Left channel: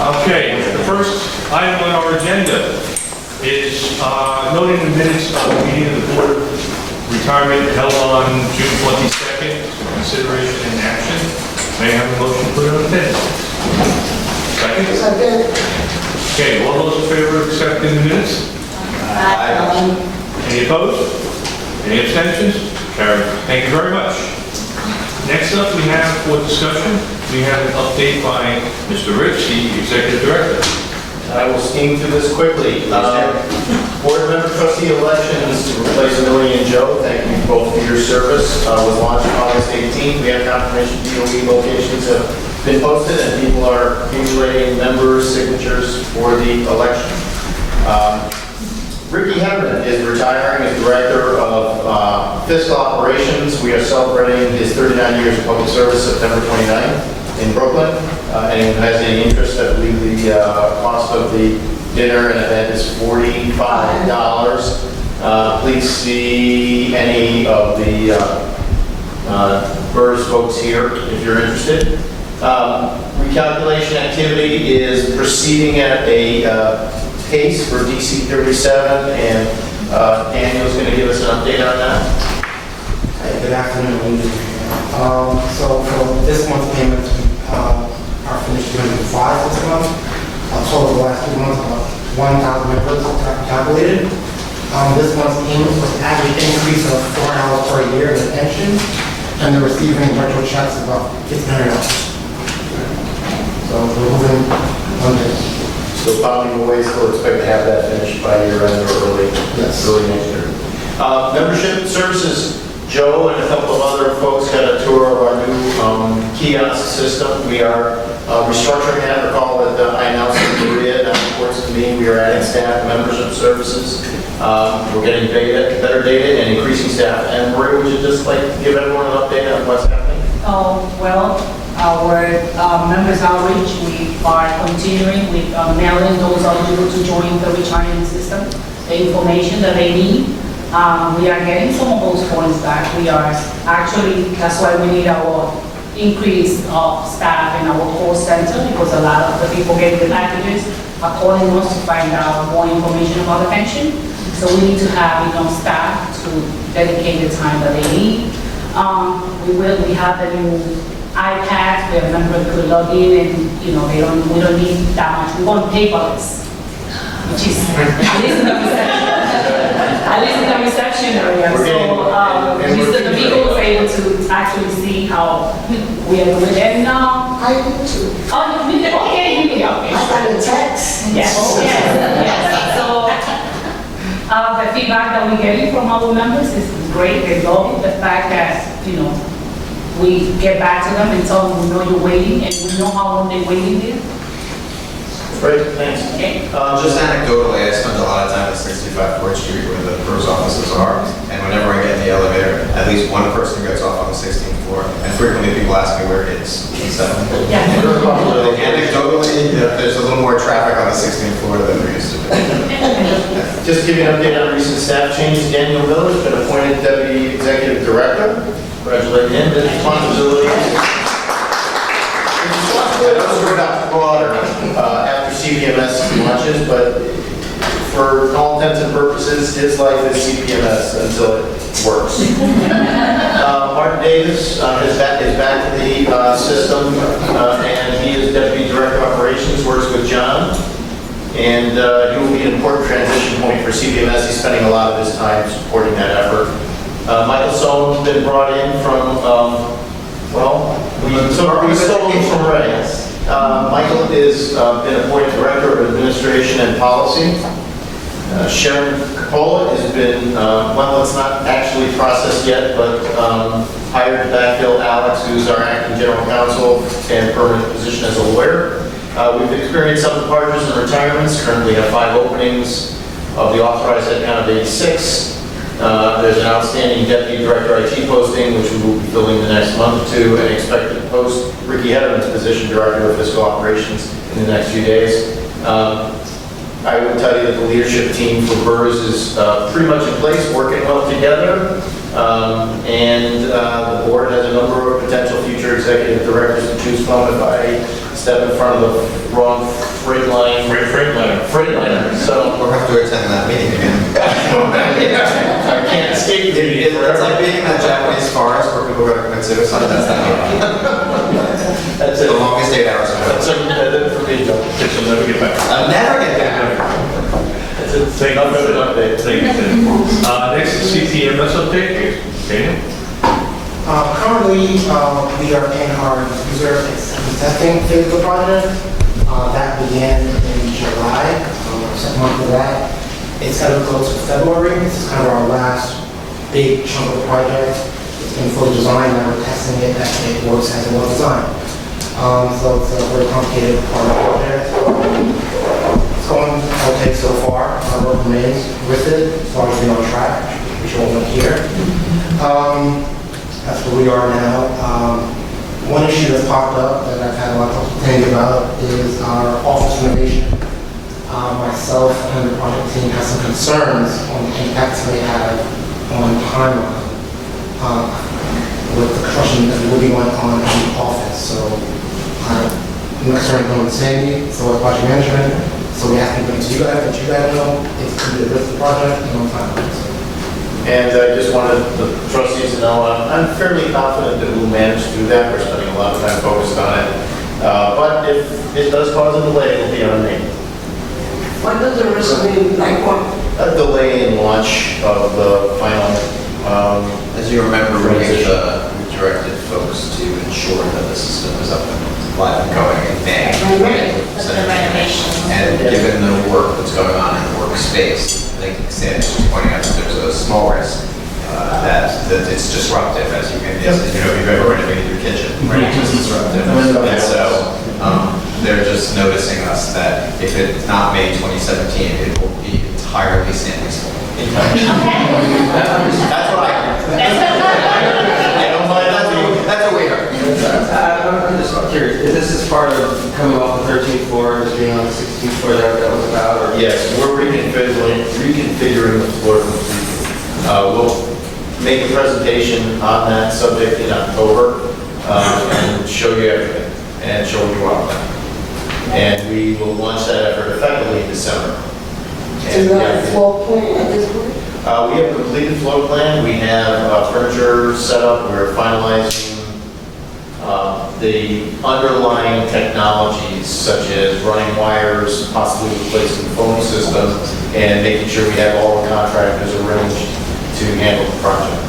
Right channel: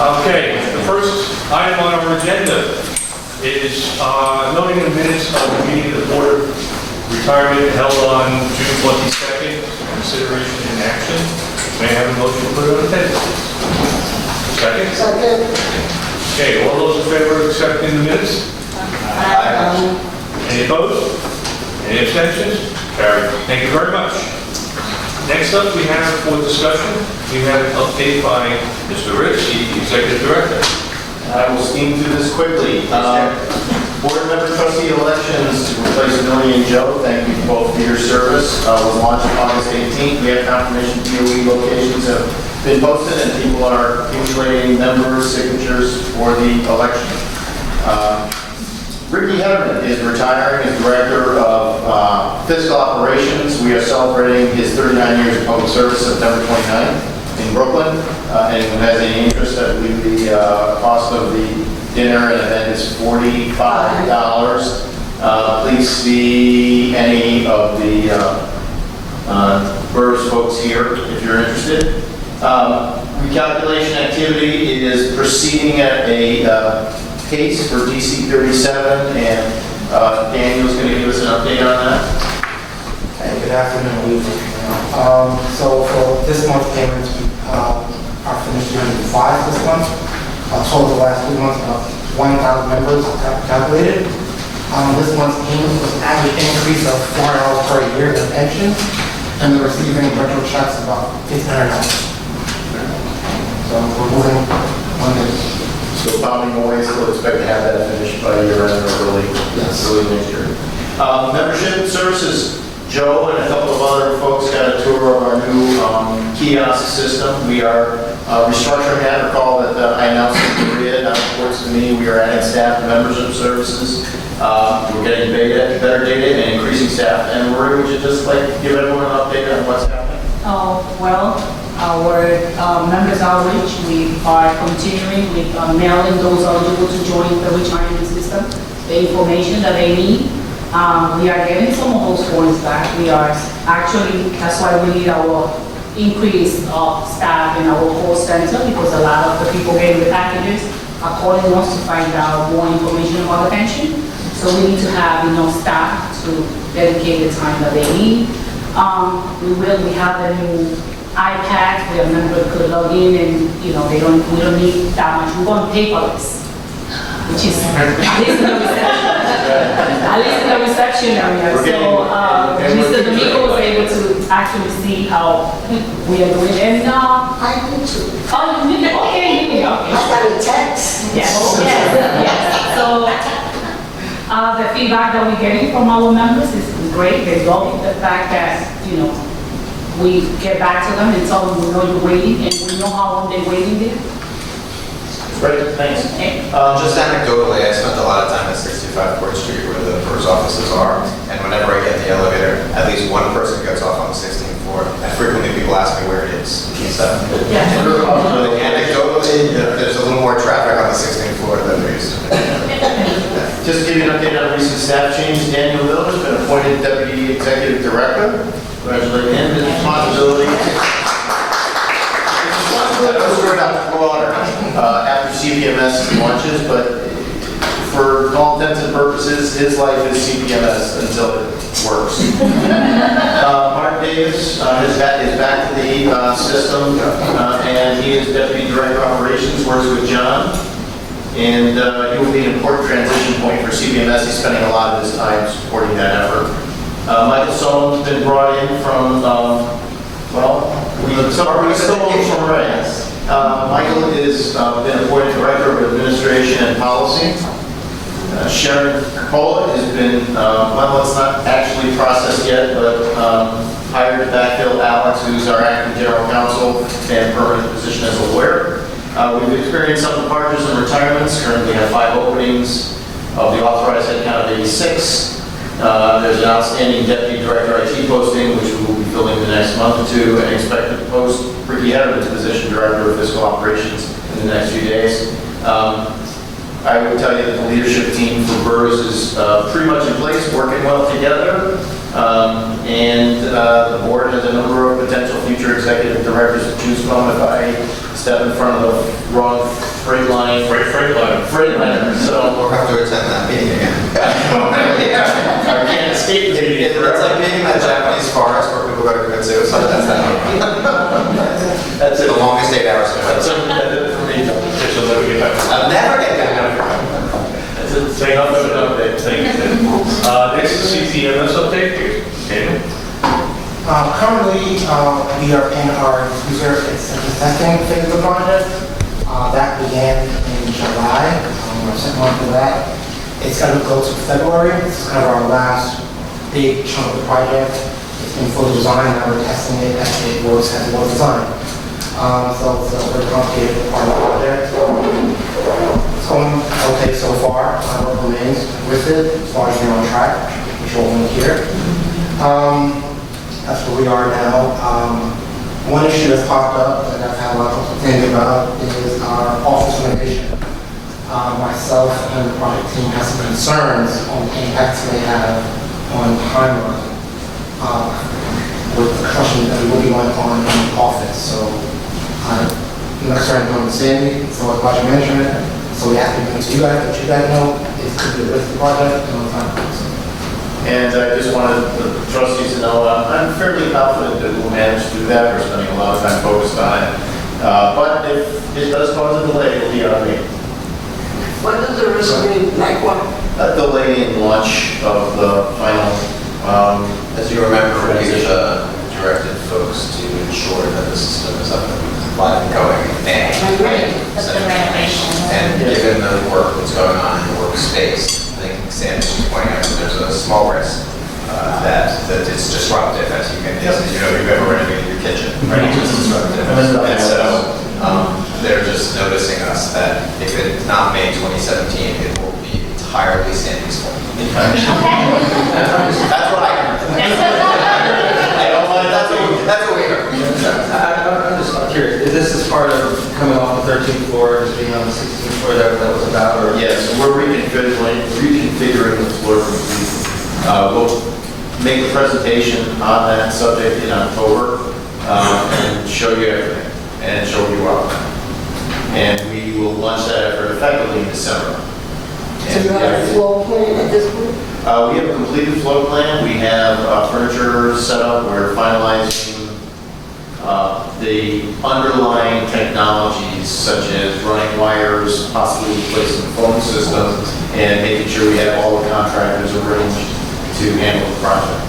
Okay, the first item on our agenda is noting the minutes of the meeting of the Board of Retirement held on June 22nd, consideration and action. May I have a motion to put it on attendance? Second? Second. Okay, all those in favor of accepting the minutes? Aye. Any opposed? Any abstentions? Carried. Thank you very much. Next up, we have for discussion, we have an update by Mr. Rich, the Executive Director. I will steam through this quickly. Board member trustee elections to replace Millie and Joe. Thank you both for your service. Was launched August 18th. We have confirmation DOE locations have been posted and people are accumulating members' signatures for the election. Ricky Hedderman is retiring as Director of Fiscal Operations. We are celebrating his 39 years of public service September 29th in Brooklyn. Anyone who has any interest, I believe the cost of the dinner and event is $45. Please see any of the BERS folks here if you're interested. Recalculation activity is proceeding at a pace for DC 37, and Daniel's going to give us an update on that. Hey, good afternoon. So for this month's payments, our finished payment 5 this month. Total the last 2 months, about 1,000 members calculated. This month's payment was average increase of $4 per year in the pension, and they're receiving virtual checks about $1,500. So we're moving on this. So following away, still expect to have that finished by year end or early next year. Membership services. Joe and a couple of other folks got a tour of our new kiosk system. We are restructuring that. Recall that I announced in Korea, now reports to me, we are adding staff and membership services. We're getting better data and increasing staff. And Maria, would you just like to give everyone an update on what's happening? Well, our members outreach, we are continuing with mailing those eligible to join the retirement system, the information that they need. We are getting some of those forms back. We are actually, that's why we need our increase of staff in our call center, because a lot of the people getting the packages are calling us to find out more information about the pension. So we need to have enough staff to dedicate the time that they need. We have the new iPads where members could log in and, we don't need that much. We want paperless, which is at least in the reception. At least in the reception area. So Mr. Domingo was able to actually see how we are doing. And I do too. oh, you did? Okay, you did. Okay. I got a text. Yes. So the feedback that we're getting from our members is great. They love the fact that, we get back to them and tell them we know you're waiting and we know how long they're waiting there. Great, thanks. Just anecdotally, I spent a lot of time at 65 Court Street where the PERS offices are, and whenever I get in the elevator, at least one person gets off on the 16th floor, and frequently people ask me where it is. So, Yeah. anecdotally, there's a little more traffic on the 16th floor than there used to be. Just to give you an update on recent staff changes, Daniel Miller has been appointed Deputy Executive Director. Congratulate him. His responsibilities are about broader after CPMS launches, but for all intents and purposes, his life is CPMS until it works. Martin Davis is back to the system, and he is Deputy Director of Operations, works with John. And he will be an important transition point for CPMS. He's spending a lot of his time supporting that effort. Michael Sohn's been brought in from, we stole him from Ray. Michael has been appointed Director of Administration and Policy. Sharon Coppola has been, it's not actually processed yet, but hired to backfill Alex, who's our acting general counsel and permanent position as a lawyer. We've experienced some departures and retirements. Currently have 5 openings of the authorized headcount of 86. There's an outstanding Deputy Director IT posting, which we will be filling the next month or two, and expect to post Ricky Hedderman's position, Director of Fiscal Operations, in the next few days. I would tell you that the leadership team for BERS is pretty much in place, working well together, and the board has a number of potential future executive directors to choose from. If I step in front of the wrong Freightliner, so. We'll have to attend that meeting again. I can't escape the meeting. It's like being in that Japanese forest where people go to commit suicide, that's that meeting. That's The it. longest 8 hours of That's it. it for me, Joe. Guess you'll never get back. I'll never get back. That's it. Thank you. Thank you, Tim. Next is CPMS update. Daniel? Currently, we are in our user testing phase of the project. That began in July, our second month of that. It's going to go to February. This is kind of our last big chunk of the project. It's been fully designed, now we're testing it as it works as it was designed. So it's a very complicated part of the project. It's going okay so far. Our work remains with it, as far as we're on track, which we'll note here. That's where we are now. One issue that's popped up that I've had a lot of things about is our office renovation. Myself and the project team have some concerns on the impacts they have on timeline with the construction that we will be going on in the office. So I'm concerned with Sandy, so with project management. So we have to bring it to you guys, let you guys know it could be a risky project and on time. And I just wanted the trustees to know, I'm fairly confident that we'll manage to do that. We're spending a lot of time focused on it. But if it does cause a delay, it'll be on me. What does the risk mean? Like what? A delay in launch of the final, As you remember, we directed folks to ensure that the system is up and live and going in May. Right. With the renovation. And given the work that's going on in the workspace, I think Sandy's just pointing out that there's a small risk that it's disruptive, as you can, as you know, if you've ever renovated your kitchen, right? It's just disruptive. And so they're just noticing us that if it's not May 2017, it will be entirely Sandy's fault. That's what I heard. I don't mind, that's what we heard. I'm just curious, is this as part of coming off the 13th floor, as being on the 16th floor, that was about, or? Yes, we're reconfiguring the floor. We'll make a presentation on that subject in October and show you everything and show you our plan. And we will launch that effort effectively in December. So you have a floor plan at this point? We have a completed floor plan. We have furniture set up. We're finalizing the underlying technologies such as running wires, possibly replacing the phone system, and making sure we have all the contractors arranged to handle the project.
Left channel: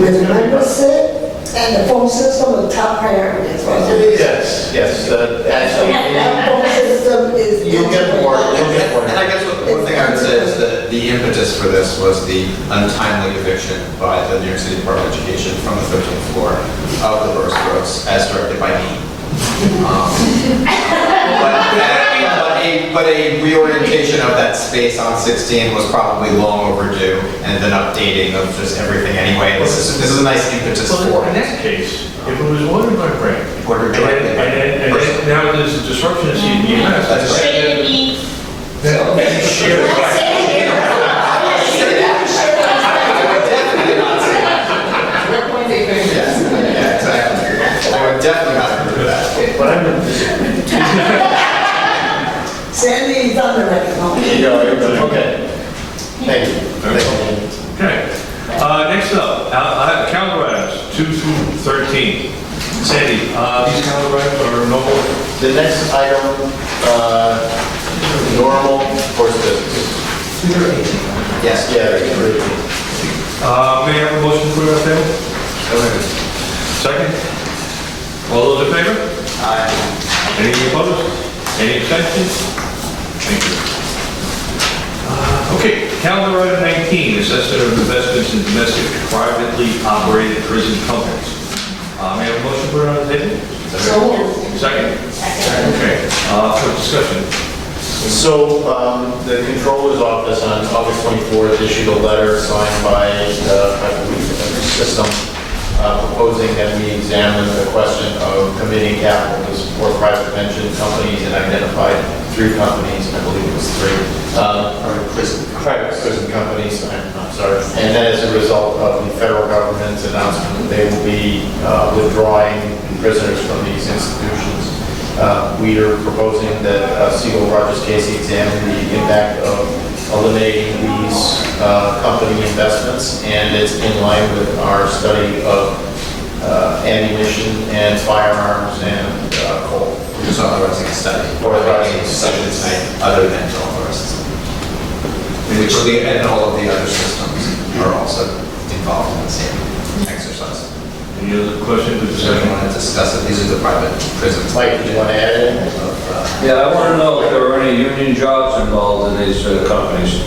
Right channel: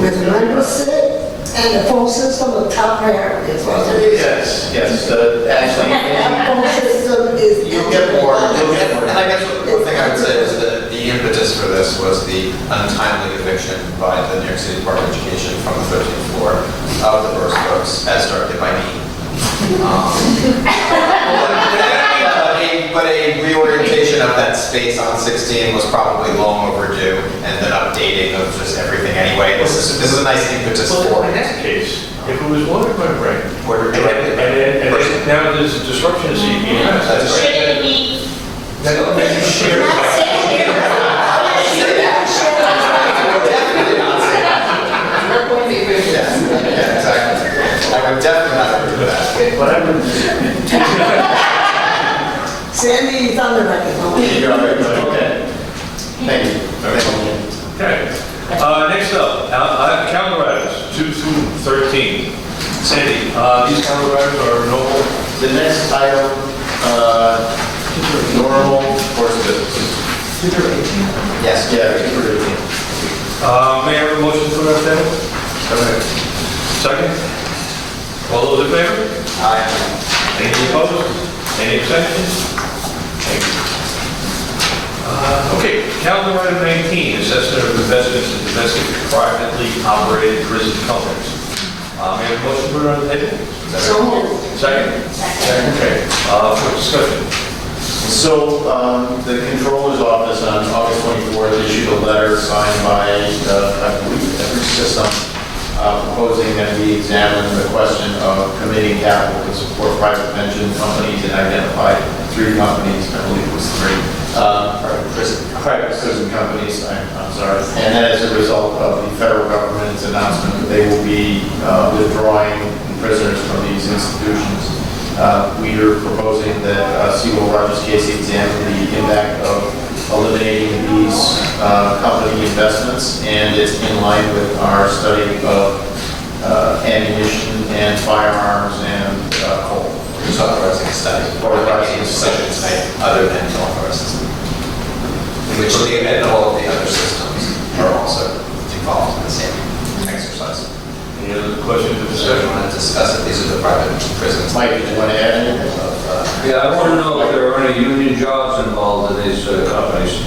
With member sit and the phone system, the top priority as well. Yes, actually, That phone system is. you'll get more. And I guess one thing I would say is that the impetus for this was the untimely eviction by the New York City Department of Education from the 13th floor of the BERS folks, as directed by me. But a reorientation of that space on 16 was probably long overdue, and an updating of just everything anyway. This is a nice impetus for Well, in it. that case, if it was ordered by Frank, Ordered directly by and person. now there's a disruption in CPMS. That's right. Shouldn't be. Then share it. I would definitely not say that. Yeah, exactly. I would definitely not agree with that. What happened? Sandy is on the record. Okay. Thank you. Okay. Next up, calendar items, 2 through 13. Sandy, these calendar items are normal. The next item, normal course of business. Yes. Yeah. May I have a motion for that table? Second? All those in favor? Any opposed? Any abstentions? Thank you. Okay, calendar item 19, assessment of investments in domestic privately operated prison companies. May I have a motion put it on the table? So moved. Second? Okay, for discussion. So, the Controller's Office on August 24th issued a letter signed by the system proposing that we examine the question of committing capital to support private pension companies and identified 3 companies, I believe it was 3. Private prison companies, I'm sorry. And that is a result of the federal government's announcement that they will be withdrawing prisoners from these institutions. We are proposing that Seawell Rogers Casey examine the impact of eliminating these company investments, and it's in line with our study of ammunition and firearms and coal. We're just authorizing a study. Authorizing a study tonight, other than to authorize the study. Which and all of the other systems are also involved in the same exercise. Any other questions or So we discussion? want to discuss it. These are the private prisons. Mike, did you want to add anything? Yeah, I want to know if there are any union jobs involved in these companies.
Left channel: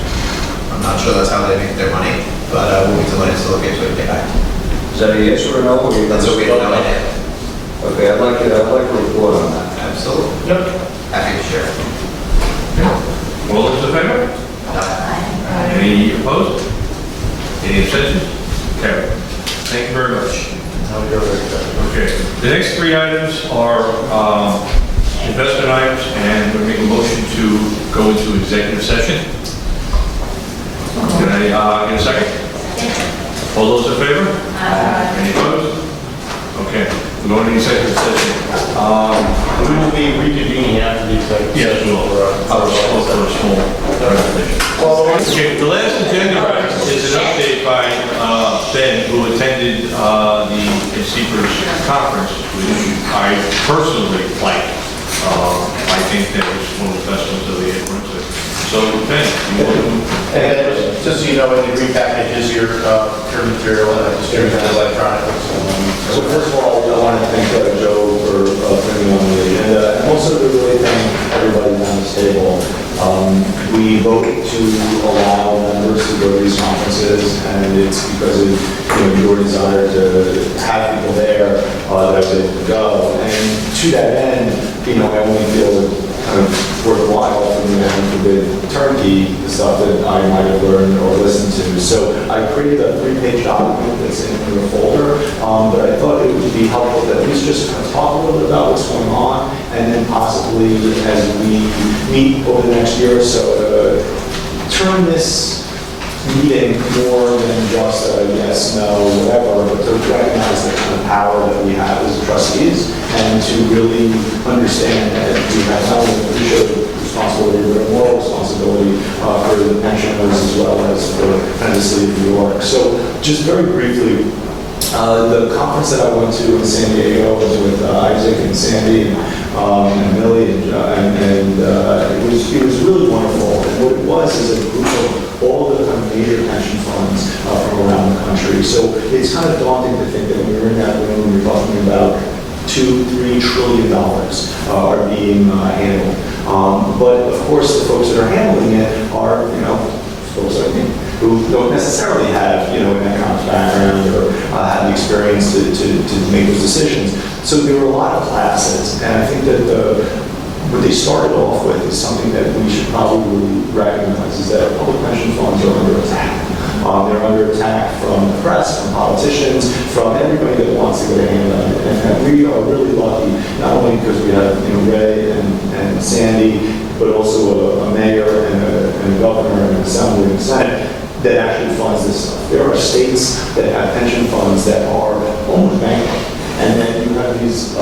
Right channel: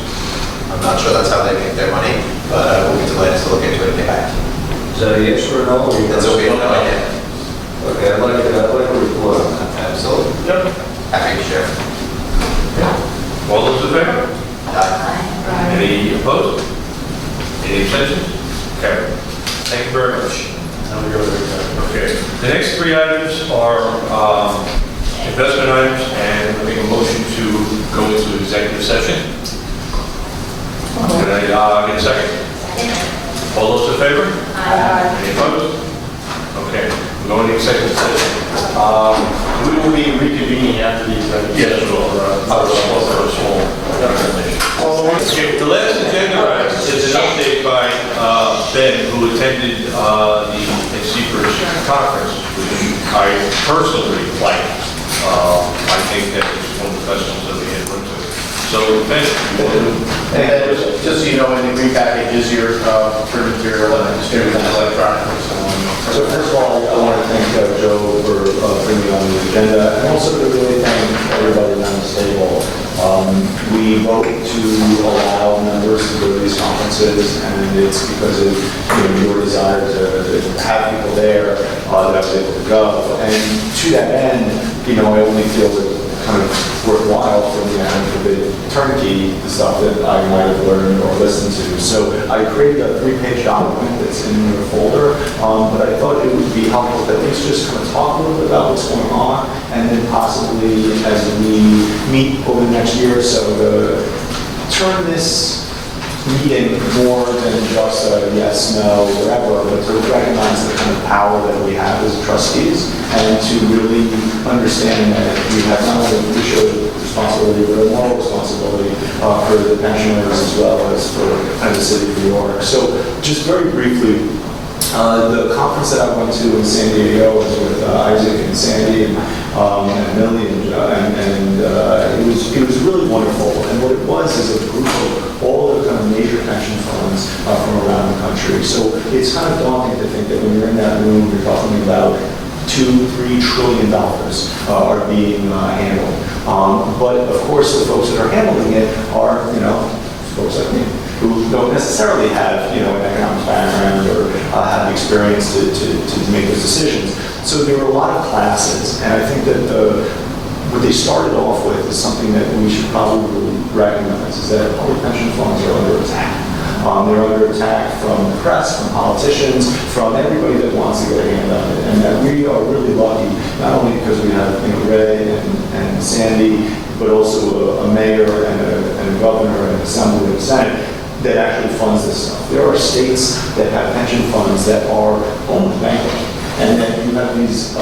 I'm not sure that's how they make their money, but we'll be delighted to look into it and get back. Is that a yes or a no? Or you- That's what we have no idea. Okay, I'd like a report on that. Absolutely. Yep. Happy to share. All those in favor? Aye. Any opposed? Any abstentions? Carried. Thank you very much. Okay, the next three items are investment items, and we're making a motion to go into executive session. Can I get a second? All those in favor? Any opposed? Okay, we're going to executive session. We will be reconvening after the executive Yes, session. I'll have a small presentation. Okay, the last agenda item is an update by Ben, who attended the CPERS conference, which I personally like. I think that it's one of the best ones that we had went to. So, Ben, you want to... And then, just so you know, in the green package is your print material and distributed electronically. So first of all, I want to thank Joe for putting me on the agenda, and also to really thank everybody around this table. We voted to allow members to go to these conferences, and it's because of your desire to have people there that I was able to go. And to that end, I only feel it kind of worthwhile for me to have a bit turnkey the stuff that I might have learned or listened to. So I created a 3-page document that's in your folder, but I thought it would be helpful to at least just kind of talk a little bit about what's going on, and then possibly as we meet over the next year or so, turn this meeting more than just a yes, no, whatever, but to recognize the kind of power that we have as trustees, and to really understand that we have not only fiduciary responsibility, but a moral responsibility for the pensioners as well as for the city of New York. So just very briefly, the conference that I went to in San Diego was with Isaac and Sandy and Millie, and it was really wonderful. And what it was is a group of all the kind of major pension funds from around the country. So it's kind of daunting to think that when you're in that room, you're talking about $2-3 trillion are being handled. But of course, the folks that are handling it are, folks like me, who don't necessarily have, an economic background or have the experience to make those decisions. So there were a lot of classes, and I think that what they started off with is something that we should probably recognize, is that public pension funds are under attack. They're under attack from the press, from politicians, from everybody that wants to get a hand on it. And we are really lucky, not only because we have Ray and Sandy, but also a mayor and a governor and an assembly and a senate that actually funds this stuff. There are states that have pension funds that are almost bankrupt. And then you have these,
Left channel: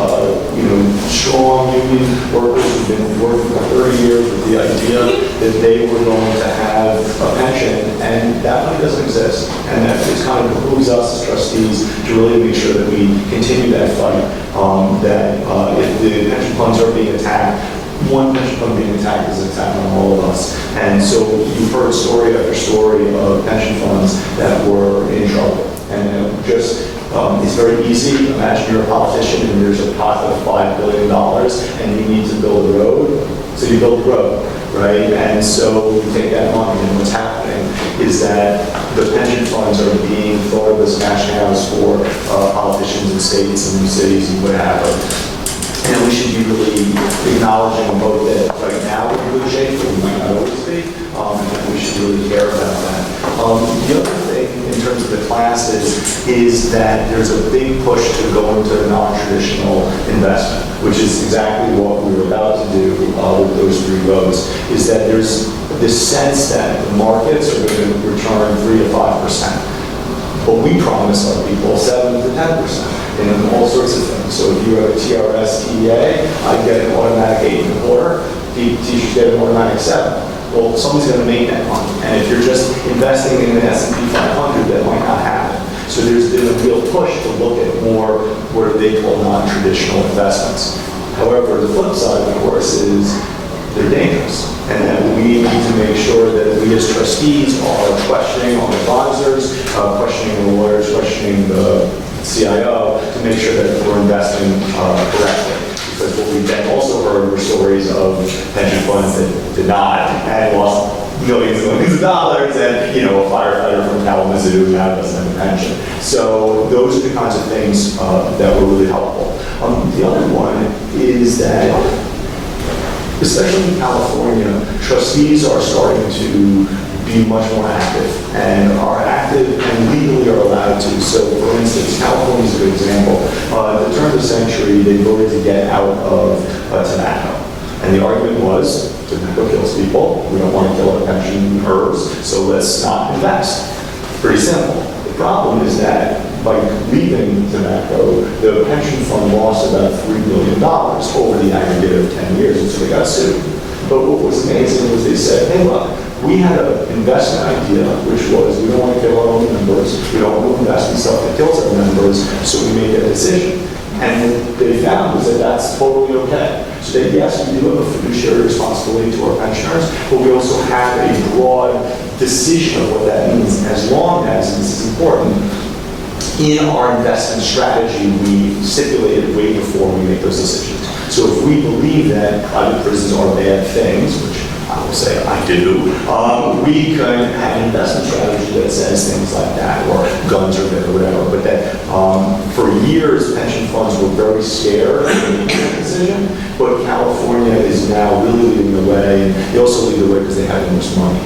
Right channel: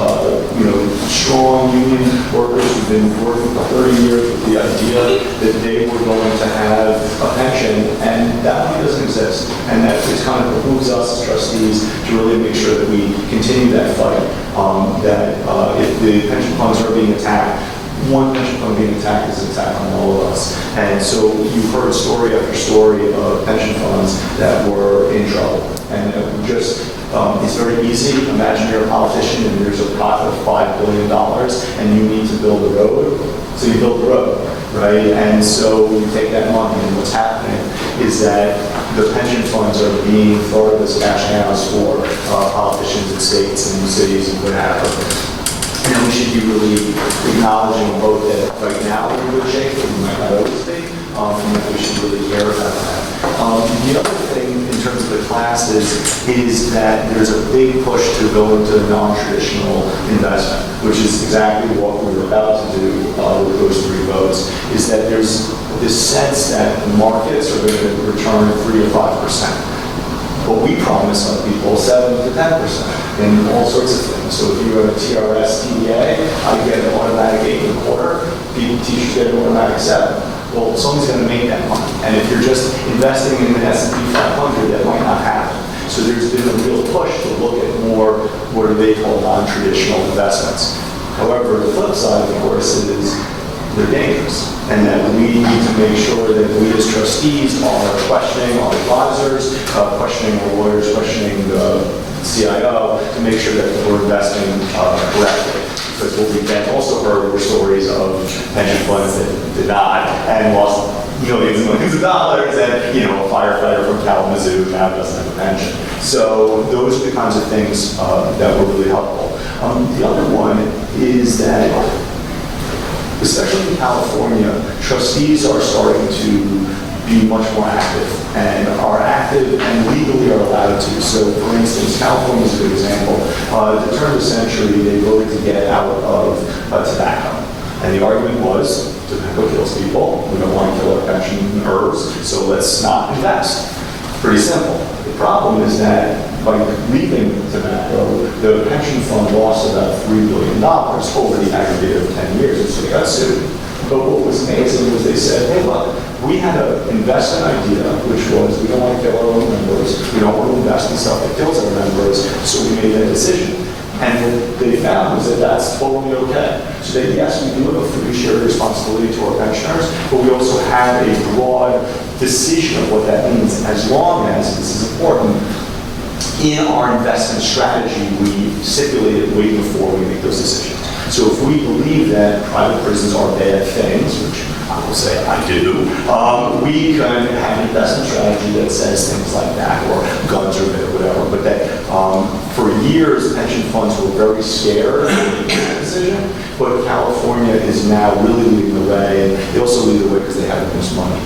strong union workers who've been working for 30 years with the idea that they were going to have a pension, and that money doesn't exist. And that is kind of behooves us as trustees to really make sure that we continue that fight, that if the pension funds are being attacked, one pension fund being attacked is an attack on all of us. And so you've heard story after story of pension funds that were in trouble. And it's very easy. Imagine you're a politician and there's a pot of $5 billion and you need to build a road. So you build the road, right? And so you take that money, and what's happening is that the pension funds are being thought of as cash cows for politicians in states and cities and whatever. And we should be really acknowledging both that right now we're in good shape, but we might not always be, and we should really care about that. The other thing in terms of the classes is that there's a big push to go into non-traditional investment, which is exactly what we were about to do with those 3 votes, is that there's this sense that the markets are going to return 3 to 5%. But we promise our people 7 to 10% in all sorts of things. So if you have a TRS, TEA, I get an automatic 8.25, teachers get an automatic 7. Well, someone's going to make that money. And if you're just investing in an S&P 500, that might not happen. So there's been a real push to look at more what are they call non-traditional investments. However, the flip side, of course, is they're dangerous. And that we need to make sure that we as trustees are questioning our advisors, questioning our lawyers, questioning the CIO to make sure that we're investing correctly. Because what we've then also heard were stories of pension funds that did not and lost millions and millions of dollars, and a firefighter from Kalamazoo now doesn't have a pension. So those are the kinds of things that were really helpful. The other one is that, especially in California, trustees are starting to be much more active and are active and legally are allowed to. So for instance, California is a good example. At the turn of the century, they voted to get out of tobacco. And the argument was, tobacco kills people, we don't want to kill our pensioners, so let's not invest. Pretty simple. The problem is that by leaving tobacco, the pension fund lost about $3 billion over the aggregate of 10 years, and so they got sued. But what was amazing was they said, hey, look, we had an investment idea, which was we don't want to kill our own members, we don't want to invest in stuff that kills our members, so we made that decision. And what they found was that that's totally okay. So that yes, we do have a fiduciary responsibility to our pensioners, but we also have a broad decision of what that means, as long as, and this is important, in our investment strategy, we stipulated way before we make those decisions. So if we believe that private prisons are bad things, which I will say I do, we could have an investment strategy that says things like that, or guns or whatever, but that for years, pension funds were very scared of making that decision, but California is now really leading the way, and they also lead the way because they have the most money.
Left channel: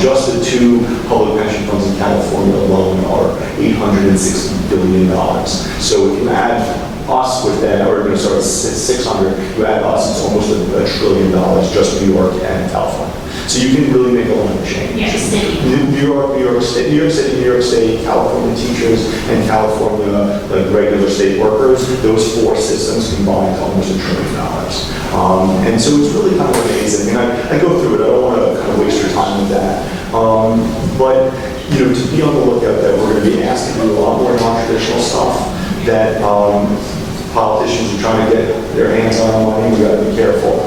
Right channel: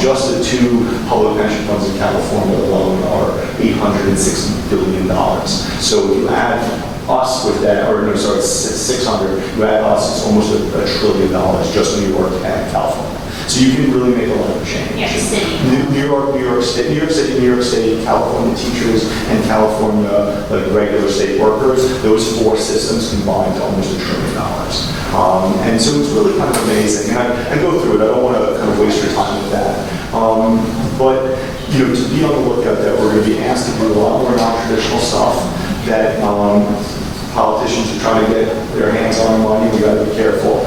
Just the 2 public pension funds in California alone are $860 billion. So if you add us with that, or no, sorry, 600, you add us, it's almost $1 trillion, just New York and California. So you can really make a lot of change. New York City. New York State, California teachers, and California regular state workers, those 4 systems combined to almost $1 trillion. And so it's really kind of amazing. And I go through it, I don't want to kind of waste your time with that. But to be on the lookout that we're going to be asked to do a lot more non-traditional stuff, that politicians are trying to get their hands on money, we got to be careful.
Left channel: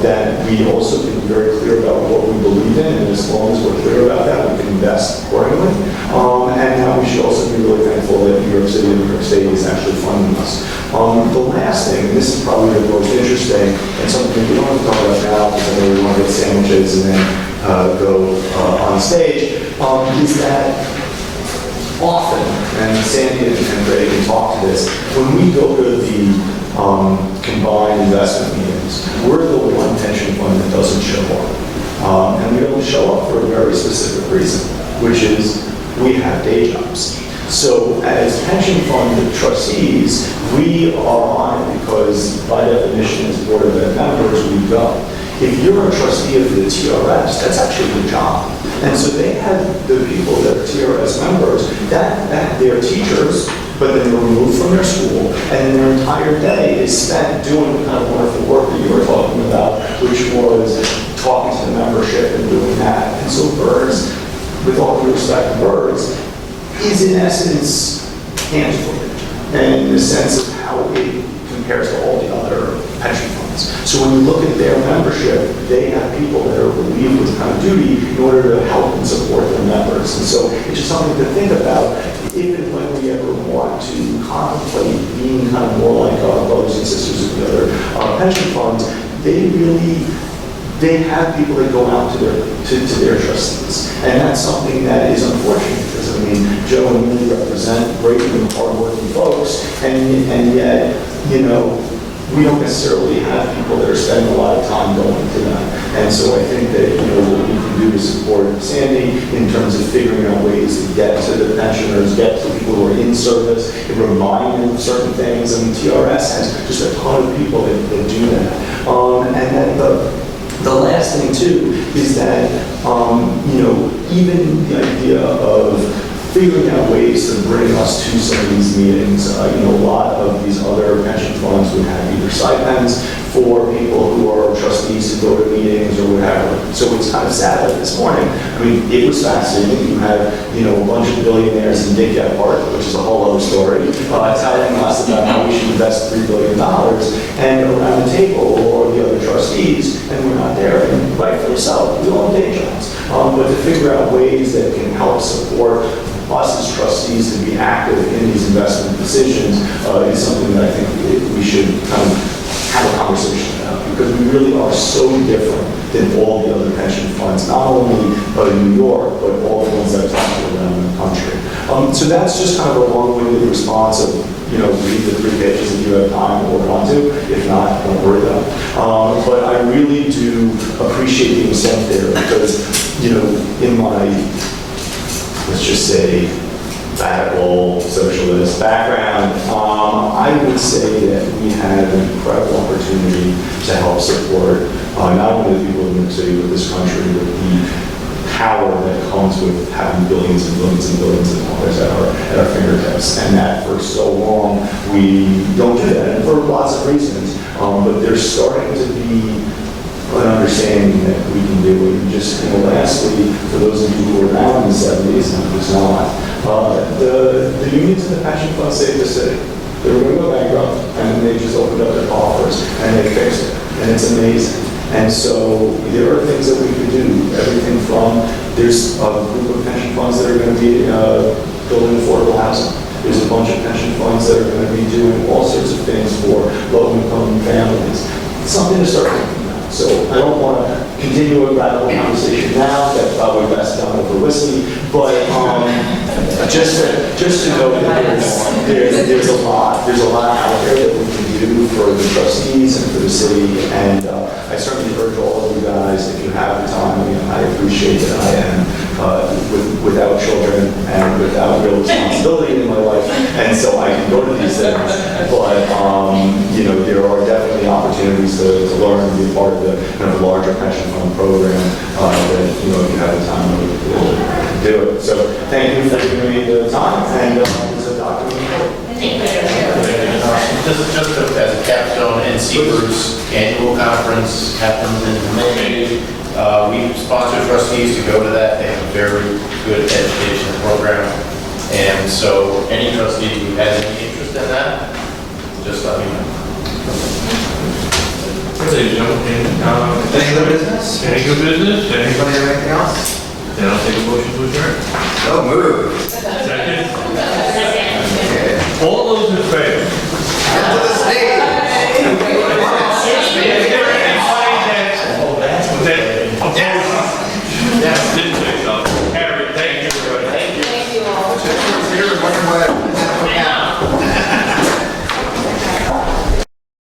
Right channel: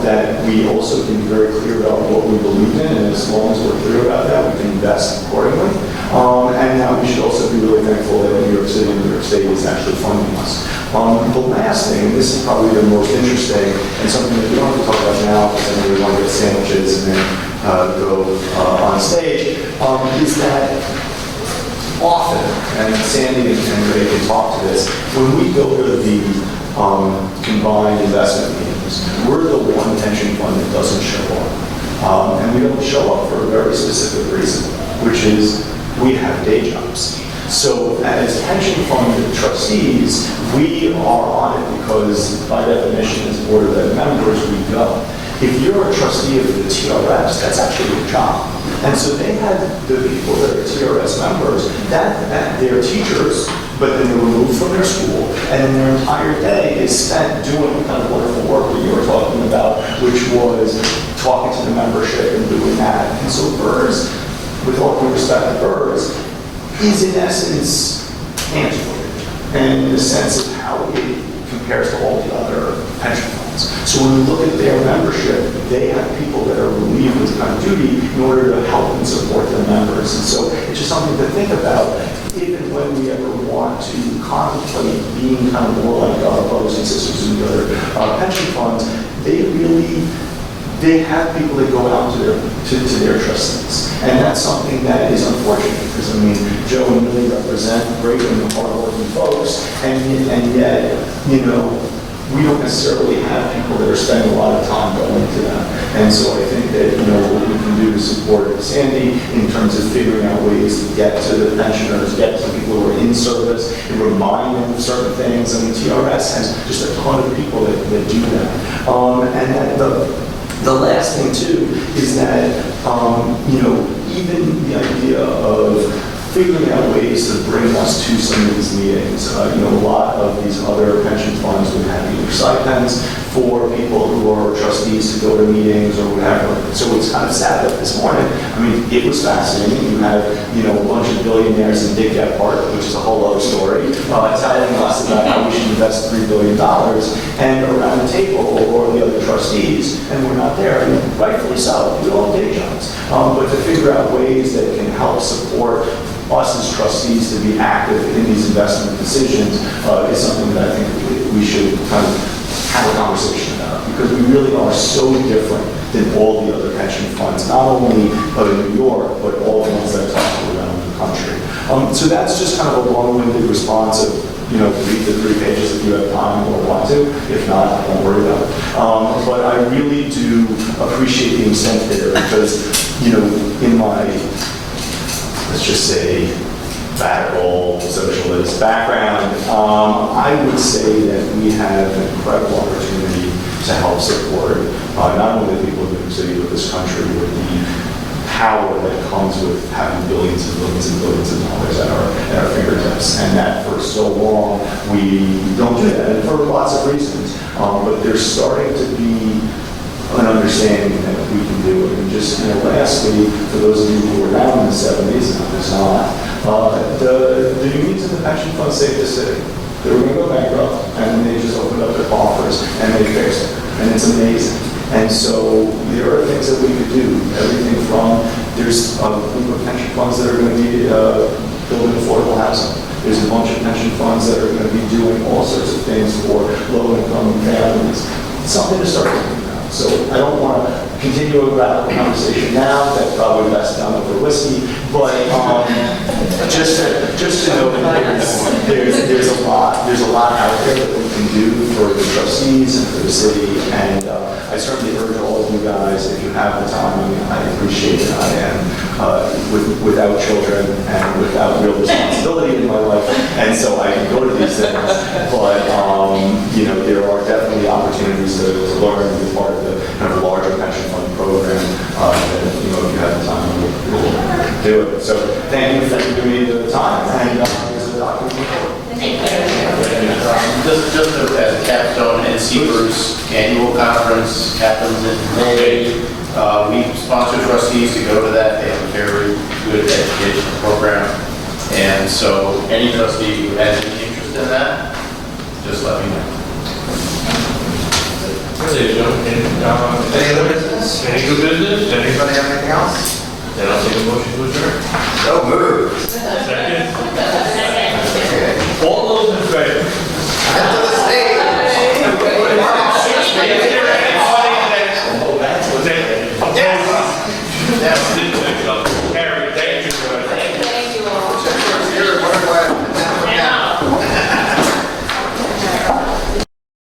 That we also can be very clear about what we believe in, and as long as we're clear about that, we can invest accordingly. And we should also be really thankful that New York City and New York State is actually funding us. The last thing, and this is probably the most interesting, and something that we don't have to talk about now because I know we want to get sandwiches and then go on stage, is that often, and Sandy and Ray can talk to this, when we go to the combined investment meetings, we're the one pension fund that doesn't show up. And we don't show up for a very specific reason, which is we have day jobs. So as pension fund trustees, we are on it because by definition as board of ed members, we go. If you're a trustee of the TRS, that's actually your job. And so they had the people that are TRS members, that they're teachers, but then they're removed from their school, and then their entire day is spent doing the kind of wonderful work that you were talking about, which was talking to the membership and doing that. And so BERS, with all due respect to BERS, is in essence antiquated, and in the sense of how it compares to all the other pension funds. So when you look at their membership, they have people that are relieved with kind of duty in order to help and support their members. And so it's just something to think about if and when we ever want to contemplate being kind of more like our brothers and sisters in the other pension funds. They have people that go out to their trustees. And that's something that is unfortunate because, I mean, Joe and Millie represent great and hardworking folks, and yet, we don't necessarily have people that are spending a lot of time going to them. And so I think that, what we can do to support Sandy in terms of figuring out ways to get to the pensioners, get to people who are in service, and remind them of certain things. I mean, TRS has just a ton of people that do that. And then the last thing too is that, even the idea of figuring out ways to bring us to some of these meetings. A lot of these other pension funds would have either stipends for people who are trustees who go to meetings or whatever. So it's kind of sad, like this morning, I mean, it was fascinating. You had, a bunch of billionaires in Dick Gephardt, which is a whole other story, telling us about how we should invest $3 billion, and around the table, or the other trustees, and we're not there, and rightfully so, we all have day jobs. But to figure out ways that can help support us as trustees to be active in these investment decisions is something that I think we should kind of have a conversation about, because we really are so different than all the other pension funds, not only in New York, but all the ones that I've talked to around the country. So that's just kind of a long-winded response of, read the 3 pages if you have time or want to. If not, don't worry about it. But I really do appreciate being sent there because, in my, let's just say, radical socialist background, I would say that we have an incredible opportunity to help support not only the people of New York City, but this country with the power that comes with having billions and billions and billions of dollars at our fingertips. And that for so long, we don't do that, and for lots of reasons. But there's starting to be an understanding that we can do it. And just, lastly, for those of you who were around in the 70s and who's not, the unions and the pension funds saved the city. They were going to go bankrupt, and they just opened up their coffers, and they fixed it. And it's amazing. And so there are things that we could do. Everything from, there's a group of pension funds that are going to be building affordable housing. There's a bunch of pension funds that are going to be doing all sorts of things for low-income families. It's something to start thinking about. So I don't want to continue a radical conversation now. That's probably best done over whiskey. But just to know that there's a lot out there that we can do for the trustees and for the city. And I certainly urge all of you guys, if you have the time, I appreciate it. I am without children and without real responsibility in my life, and so I can go to these things. But there are definitely opportunities to learn and be part of the kind of larger pension fund program that if you have the time, we'll do it. So thank you for giving me the time, and there's a document. Just as a capstone, NCBERS annual conference happens in May. We sponsor trustees to go to that. They have a very good education program. And so any trustee who has any interest in that, just let me know. Any other business? Any good business? Anybody have anything else? Then I'll take a motion to adjourn. So moved. Second?